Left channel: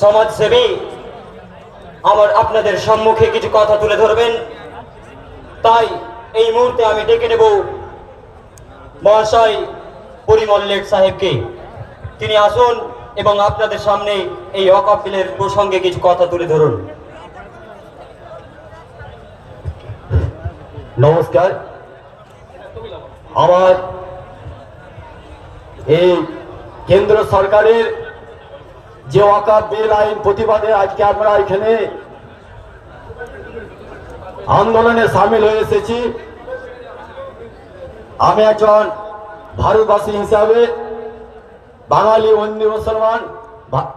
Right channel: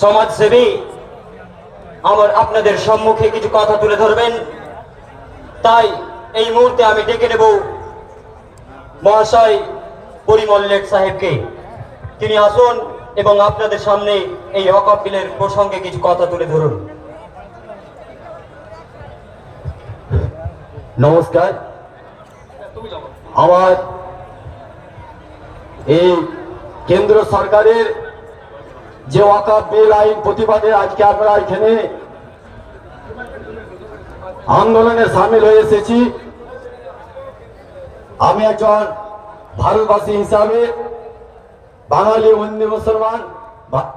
সমাজসেবী আমার আপনাদের সম্মুখে কিছু কথা তুলে ধরবেন। তাই এই মুহূর্তে আমি ডেকে নেব মহাশয় পরিমল লেট সাহেবকে। তিনি আসুন এবং আপনাদের সামনে এই অকাপিলের প্রসঙ্গে কিছু কথা তুলে ধরুন। নমস্কার। আমার এই কেন্দ্র সরকারের যে ওয়াকাফ বিল আইন প্রতিবাদে আজকে আমরা এখানে আন্দোলনে সামিল হয়ে এসেছি। আমি একজন ভারতবাসী হিসাবে, বাঙালি বন্দী মুসলমান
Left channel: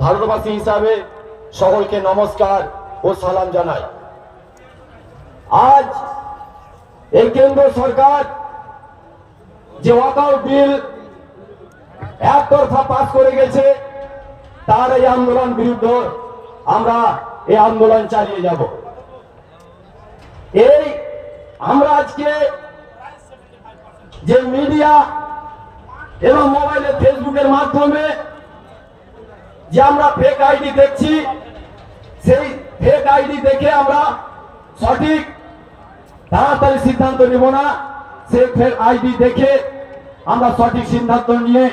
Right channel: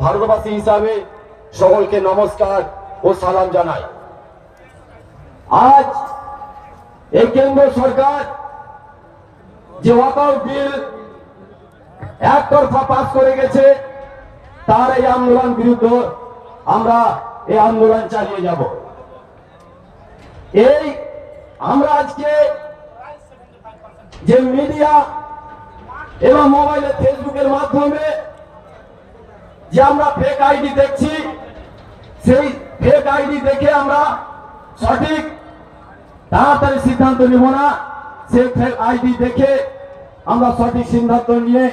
ভারতবাসী হিসাবে সকলকে নমস্কার ও সালাম জানাই। আজ এই কেন্দ্র সরকার যে ওয়াকআউট বিল এক একতরফা পাস করে গেছে তার এই আন্দোলন বিরুদ্ধে আমরা এই আন্দোলন চালিয়ে যাব। এই আমরা আজকে যে মিডিয়া এবং মোবাইলে ফেসবুকের মাধ্যমে যে আমরা ফেক আইডি দেখছি, সেই ফেক আইডি দেখে আমরা সঠিক, তাড়াতাড়ি সিদ্ধান্ত নিব না। সেই ফেক আইডি দেখে আমরা সঠিক সিদ্ধান্ত নিয়ে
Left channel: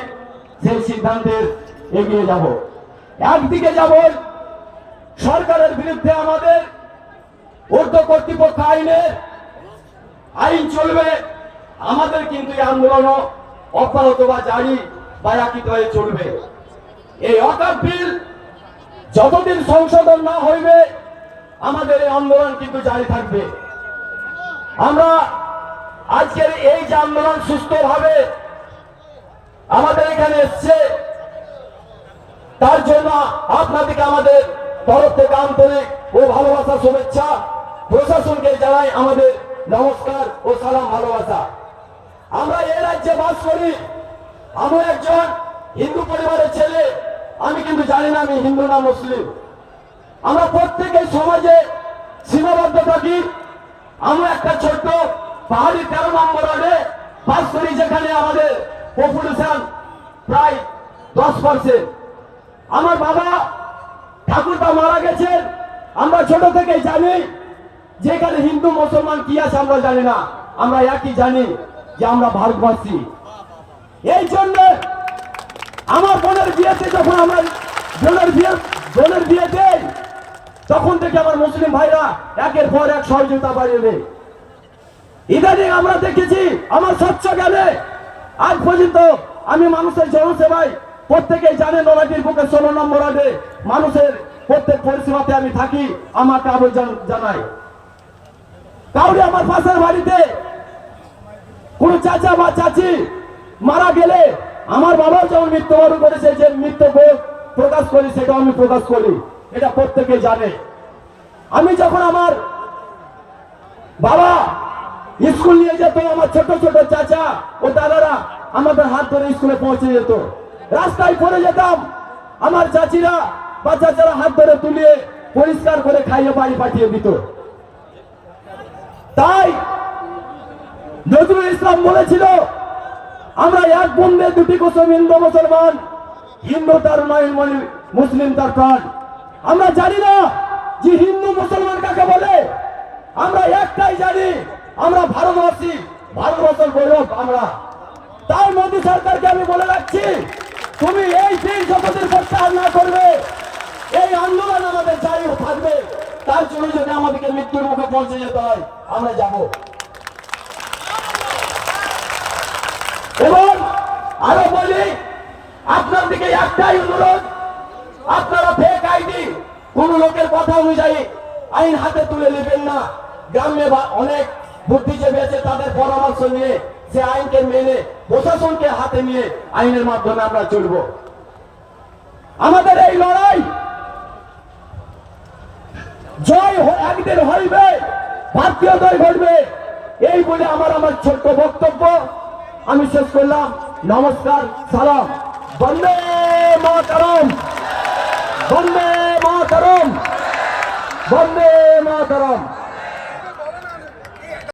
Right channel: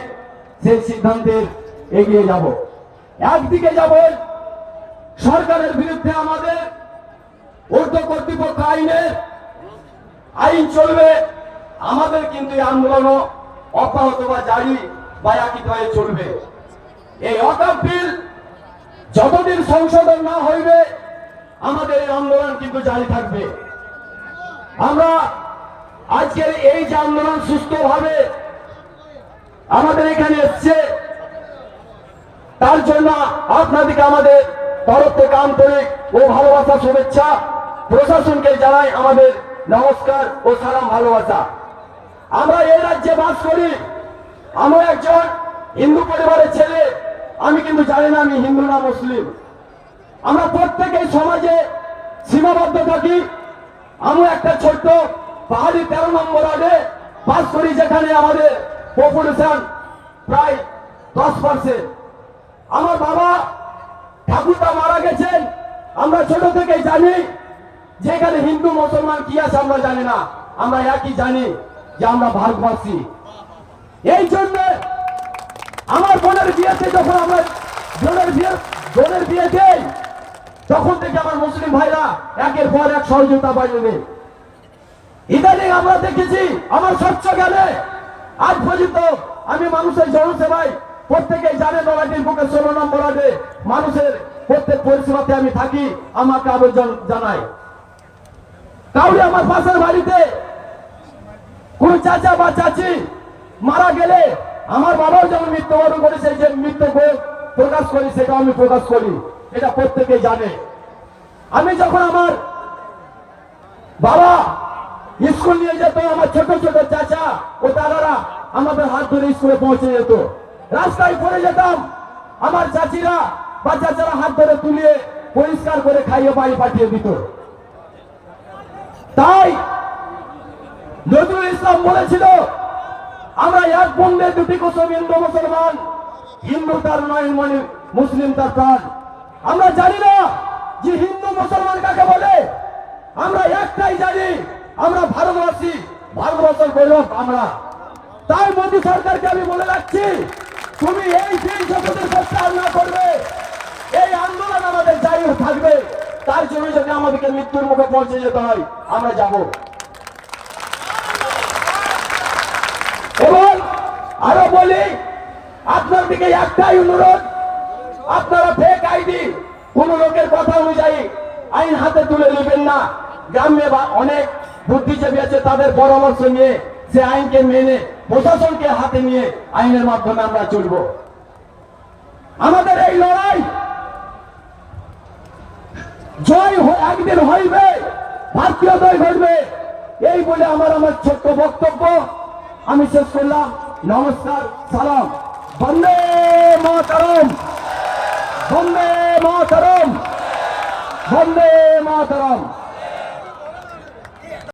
সেই সিদ্ধান্তের এগিয়ে যাব। একদিকে যাব সরকারের বিরুদ্ধে আমাদের ঊর্ধ্ব কর্তৃপক্ষ আইনের আইন চলবে, আমাদের কিন্তু এই আন্দোলন অব্যাহত বা জারি বা একই হয়ে চলবে। এই অকাপ বিল যতদিন সংশোধন না হইবে, আমাদের এই আন্দোলন কিন্তু জারি থাকবে। আমরা আজকের এই যে আন্দোলন সুস্থভাবে আমাদের এখানে এসছে তার জন্য আপনাদেরকে আমাদের তরফ থেকে আন্তরিক ও ভালোবাসা, শুভেচ্ছা। প্রশাসনকে জানাই আমাদের নমস্কার ও সালাম ভালোবাসা। আমরা এই রাজ্যে বাস করি। আমি একজন হিন্দু পরিবারের ছেলে। আমি কিন্তু জানি না আমি হিন্দু না মুসলিম। আমরা প্রত্যেকেই সমাজে সীমাবদ্ধ থাকি। আমরা একটা ছোট্ট পাহাড়ি তেরো নম্বর আগে বাস করি, যেখানে আমাদের পপুলেশন প্রায় দশ পার্সেন্ট আমার বাবা ঠাকুরটা মারা গেছেন। আমরা ছোট থেকে জানি যেখানে হিন্দু, মুসলমান কি আছে আমরা জানি না। আমরা একই জানি যে আমরা ভারতবাসী। এই জন্য আমার বোনের বিয়েতে যখন আমরা বোনের বিয়ে বোনের বিয়ে দেই, তখন থেকে আমার মুসলিম ভাইরা একের পর এক সহযোগিতা বাড়িয়ে ইদানিং আমরা দেখেছি, আমার স্বচ্ছ গেলে আজ পর্যন্ত আমি মানুষের জনসেবায় প্রত্যেকে জানে নবাটির বুকে ষোলো নম্বর আগে মানুষের প্রত্যেক পরিষেবাতে আমি থাকি আমাকে আবেদন জানাই কাউরি আমার পাশের বাড়িতে কোন চাচা বা চাচি মারা গেলে আমার বাবাও যেমন মৃত্যুবরণ করেছে যে মৃত্যু প্রকাশ করি সেটা আমি প্রকাশ করি। এটা প্রত্যেকে জানে। আমি যখন আমার বাবা স্কুল নিয়ে যেত, আমার ছোট ছোট চাচা ও দাদারা আমাদের হাত ধরে স্কুলে পৌঁছে যেত। রাস্তায় পড়ে যেতাম। আমার চাচিরা বা চাচারা হাত ধরে তুলিয়ে পরিষ্কার করে খাইয়ে বাড়ি পাঠিয়ে দিত। তাই নজরুল ইসলাম বলেছিল, আমরা এক বন্ধে দুটি কুসুম হিন্দু মুসলমান। হিন্দু তার মায়ের মানে মুসলিম তার প্রাণ। আমরা জানি না যে হিন্দু মুসলমান কাকে বলে। আমরা একটাই জানি, আমরা ভারতবাসী, ভারতবর্ষের গৌরব আমরা। তাই মোদী সরকারকে আমি বলে রাখছি তুমি এই দিন শপথের প্রত্যাহার না করবে, এই আন্দোলন আমাদের জারি থাকবে। তার জন্য যদি আমাদেরকে মৃত্যুর মুখে পৌঁছে যেতে হয়, আমরা যাব। এবং আরও বলি, আপনার দিকে একটাই অনুরোধ, আপনারা ফেক আইডি কোন লোকের কথা অনুযায়ী আইন হাতে তুলে নেবেন না। গ্রামে অনেক বুদ্ধিজীবী আছে, তাদের পরামর্শ নিয়ে সে আইনকে মেনে প্রশাসনকে হাতে নিয়ে আইনের মাধ্যমে আমরা চলব। আমাদের এই লড়াই জয় একদিন হইবে, ভারতীয় জয় ঘটবে। এই বলে আমার আমার ছোট্ট বক্তব্য। আমি শেষ করলাম। নমস্কার, সালাম। বন্দে মাতরম। বন্দে মাতরম। বন্দে মাতরম।